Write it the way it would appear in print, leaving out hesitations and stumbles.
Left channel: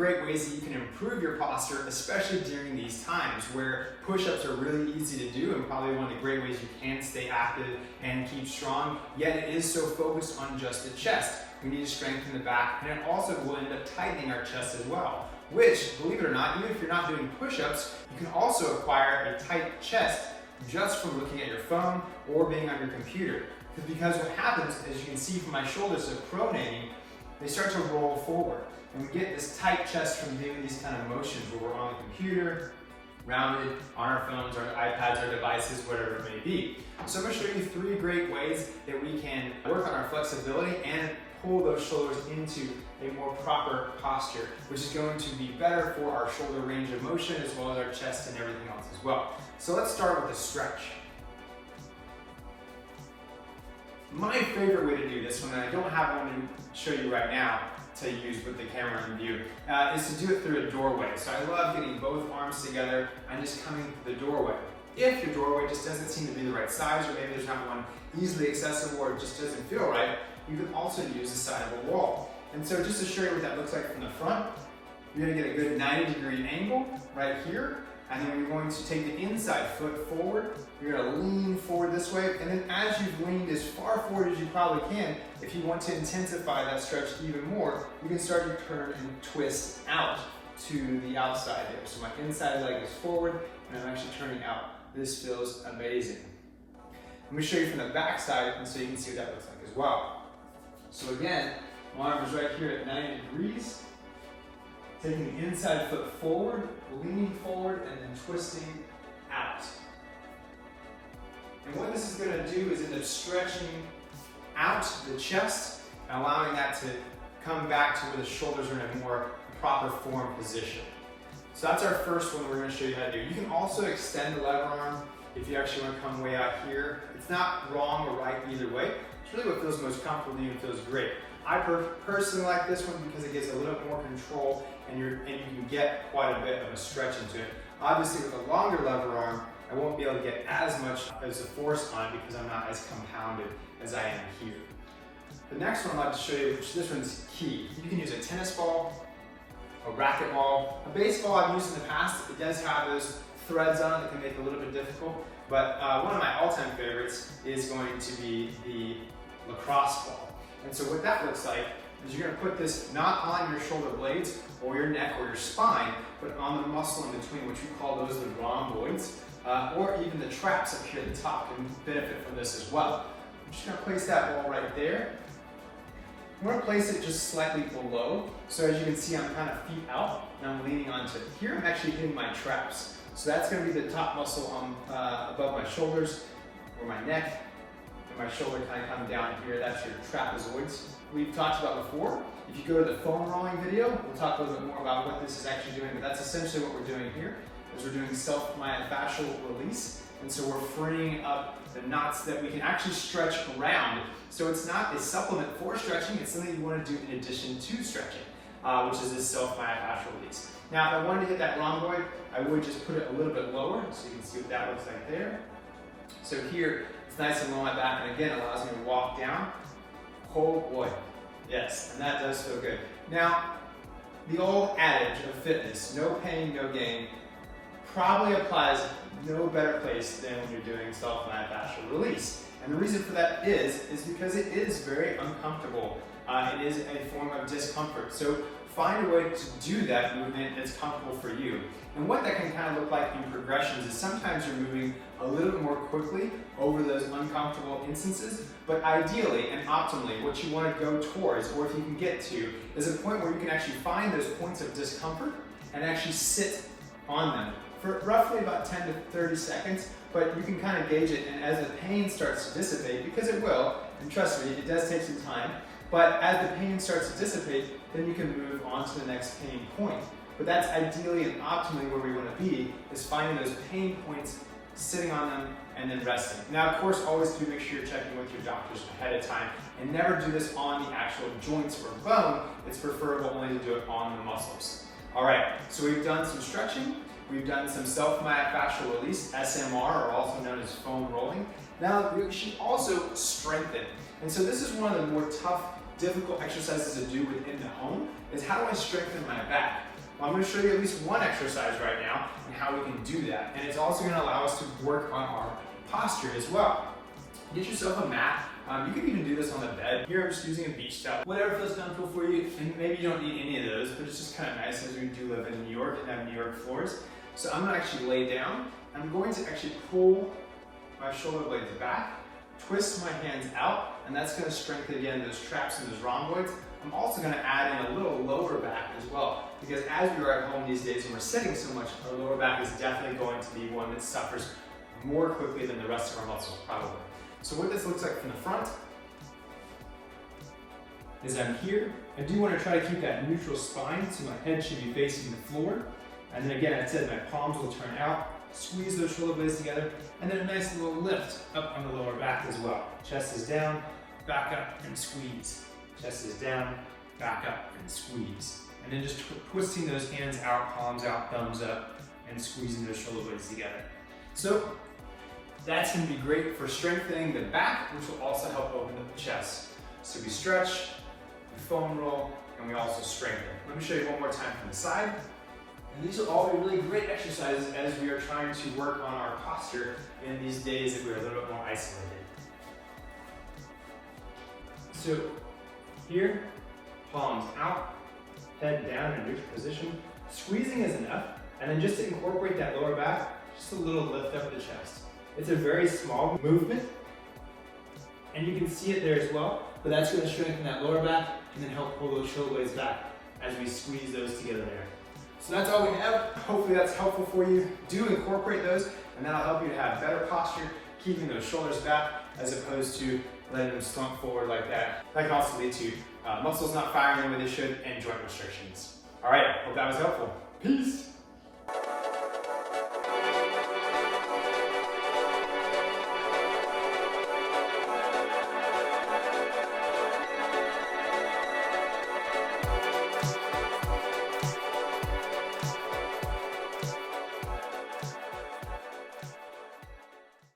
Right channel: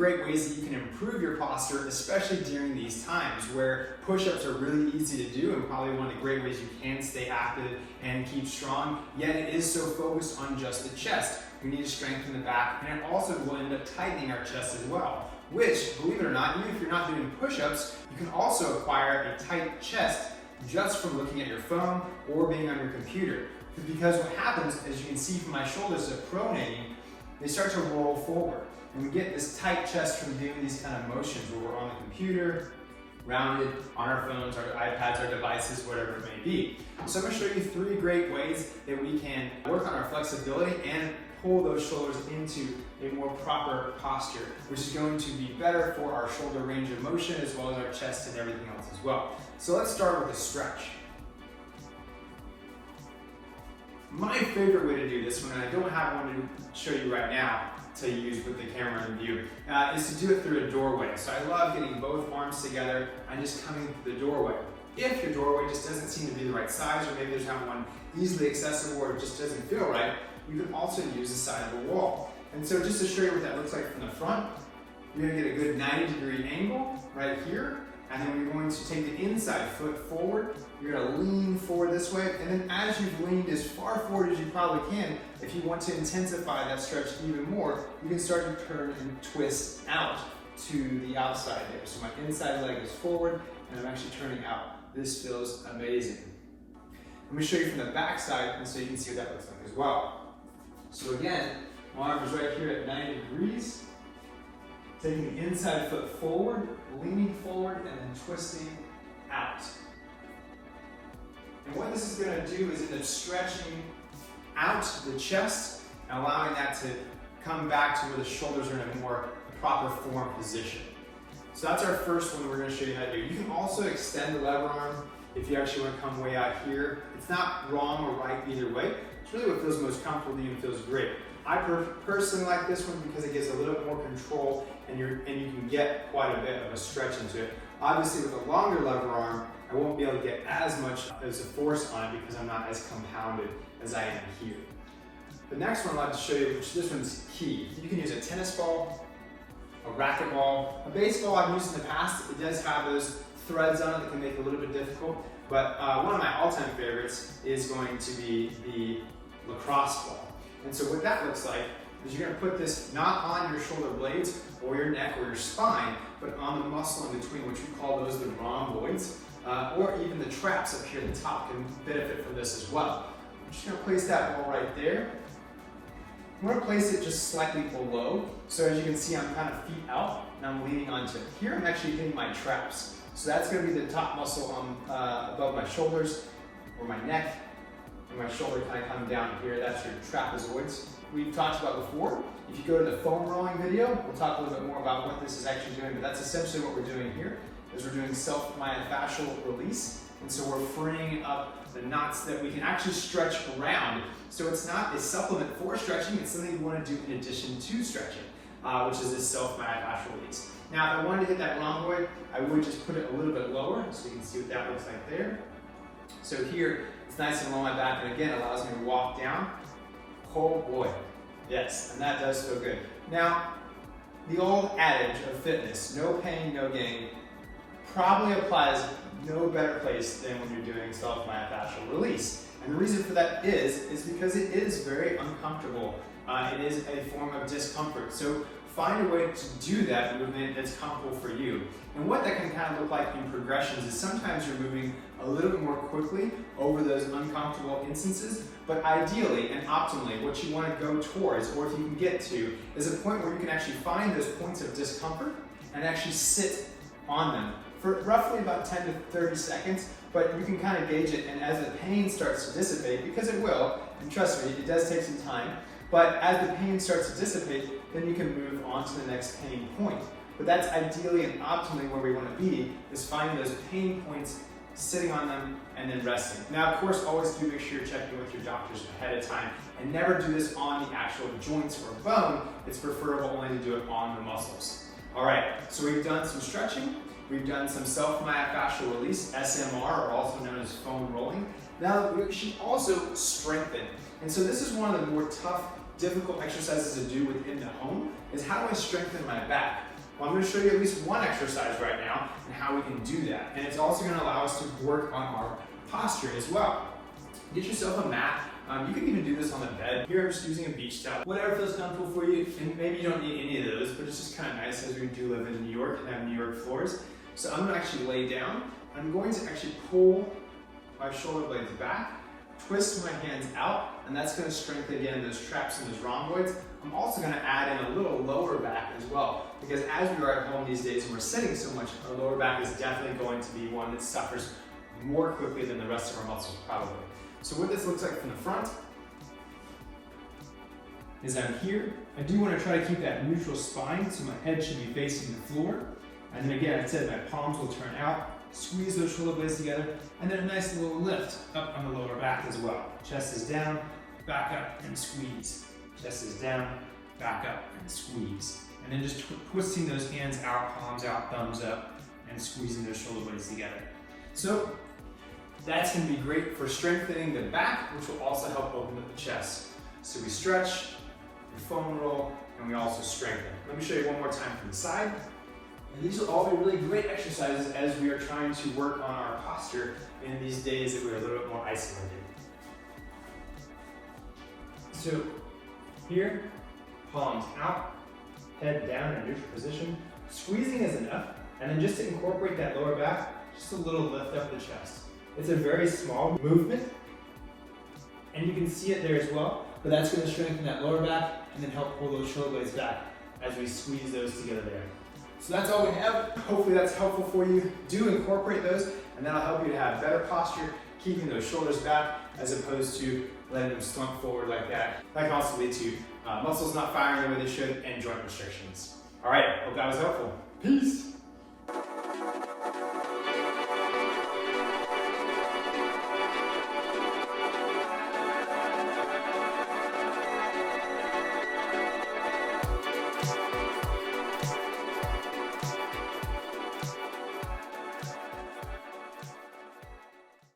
great ways that you can improve your posture, especially during these times where push-ups are really easy to do and probably one of the great ways you can stay active and keep strong, yet it is so focused on just the chest. We need to strengthen the back, and it also will end up tightening our chest as well, which, believe it or not, even if you're not doing push-ups, you can also acquire a tight chest just from looking at your phone or being on your computer. Because what happens, as you can see from my shoulders of pronating, they start to roll forward. And we get this tight chest from doing these kind of motions where we're on the computer, rounded, on our phones, our iPads, our devices, whatever it may be. So I'm going to show you 3 great ways that we can work on our flexibility and pull those shoulders into a more proper posture, which is going to be better for our shoulder range of motion as well as our chest and everything else as well. So let's start with a stretch. My favorite way to do this, when I don't have one to show you right now to use with the camera in view, is to do it through a doorway. So I love getting both arms together and just coming through the doorway. If your doorway just doesn't seem to be the right size, or maybe there's not one easily accessible or it just doesn't feel right, you can also use the side of a wall. And so just to show you what that looks like from the front, you're going to get a good 90-degree angle right here. And then you're going to take the inside foot forward. You're going to lean forward this way. And then as you've leaned as far forward as you probably can, if you want to intensify that stretch even more, you can start to turn and twist out to the outside there. So my inside leg is forward and I'm actually turning out. This feels amazing. I'm going to show you from the back side and so you can see what that looks like as well. So again, my arm is right here at 90 degrees. Taking the inside foot forward, leaning forward, and then twisting out. And what this is going to do is end up stretching out the chest and allowing that to come back to where the shoulders are in a more proper form position. So that's our first one we're going to show you how to do. You can also extend the lever arm if you actually want to come way out here. It's not wrong or right either way. It's really what feels most comfortable to you and feels great. I personally like this one because it gives a little bit more control and you can get quite a bit of a stretch into it. Obviously with a longer lever arm, I won't be able to get as much as a force on it because I'm not as compounded as I am here. The next one I'd like to show you, which this one's key. You can use a tennis ball, a racket ball, a baseball I've used in the past. It does have those threads on it that can make it a little bit difficult, but one of my all-time favorites is going to be the lacrosse ball. And so what that looks like is you're going to put this not on your shoulder blades or your neck or your spine, but on the muscle in between, which we call those the rhomboids, or even the traps up here at the top can benefit from this as well. I'm just going to place that one right there. I'm going to place it just slightly below. So as you can see, I'm kind of feet out and I'm leaning onto it. Here I'm actually hitting my traps. So that's going to be the top muscle on, above my shoulders or my neck. And my shoulder kind of coming down here, that's your trapezoids. We've talked about before. If you go to the foam rolling video, we'll talk a little bit more about what this is actually doing, but that's essentially what we're doing here, is we're doing self-myofascial release. And so we're freeing up the knots that we can actually stretch around. So it's not a supplement for stretching, it's something you want to do in addition to stretching, which is this self-myofascial release. Now, if I wanted to hit that rhomboid, I would just put it a little bit lower, so you can see what that looks like there. So here, it's nice and low on my back, and again, allows me to walk down. Oh boy, yes, and that does feel good. Now, the old adage of fitness, no pain, no gain, probably applies no better place than when you're doing self-myofascial release. And the reason for that is because it is very uncomfortable. It is a form of discomfort. So find a way to do that movement that's comfortable for you. And what that can kind of look like in progressions is sometimes you're moving a little bit more quickly over those uncomfortable instances, but ideally and optimally what you want to go towards, or if you can get to, is a point where you can actually find those points of discomfort and actually sit on them for roughly about 10 to 30 seconds, but you can kind of gauge it, and as the pain starts to dissipate, because it will, and trust me, it does take some time, but as the pain starts to dissipate, then you can move on to the next pain point. But that's ideally and optimally where we want to be, is finding those pain points, sitting on them, and then resting. Now, of course, always do make sure you're checking with your doctors ahead of time, and never do this on the actual joints or bone. It's preferable only to do it on the muscles. All right, so we've done some stretching, we've done some self-myofascial release, SMR, or also known as foam rolling. Now, we should also strengthen. And so this is one of the more tough, difficult exercises to do within the home, is how do I strengthen my back? Well, I'm going to show you at least one exercise right now and how we can do that. And it's also going to allow us to work on our posture as well. Get yourself a mat. You can even do this on the bed. Here I'm just using a beach towel. Whatever feels comfortable for you. And maybe you don't need any of those, but it's just kind of nice as we do live in New York and have New York floors. So I'm going to actually lay down. I'm going to actually pull my shoulder blades back, twist my hands out, and that's going to strengthen again those traps and those rhomboids. I'm also going to add in a little lower back as well, because as we are at home these days and we're sitting so much, our lower back is definitely going to be one that suffers more quickly than the rest of our muscles probably. So what this looks like from the front is I'm here. I do want to try to keep that neutral spine, so my head should be facing the floor. And then again, I said my palms will turn out, squeeze those shoulder blades together, and then a nice little lift up on the lower back as well. Chest is down, back up and squeeze. Chest is down, back up and squeeze. And then just twisting those hands out, palms out, thumbs up, and squeezing those shoulder blades together. So that's going to be great for strengthening the back, which will also help open up the chest. So we stretch, we foam roll, and we also strengthen. Let me show you one more time from the side. And these will all be really great exercises as we are trying to work on our posture in these days that we're a little bit more isolated. So here, palms out, head down in a neutral position. Squeezing is enough, and then just to incorporate that lower back, just a little lift up the chest. It's a very small movement, and you can see it there as well, but that's going to strengthen that lower back and then help pull those shoulder blades back as we squeeze those together there. So that's all we have. Hopefully that's helpful for you. Do incorporate those, and that'll help you to have better posture, keeping those shoulders back as opposed to letting them slump forward like that. That can also lead to muscles not firing the way they should and joint restrictions. All right, hope that was helpful. Peace.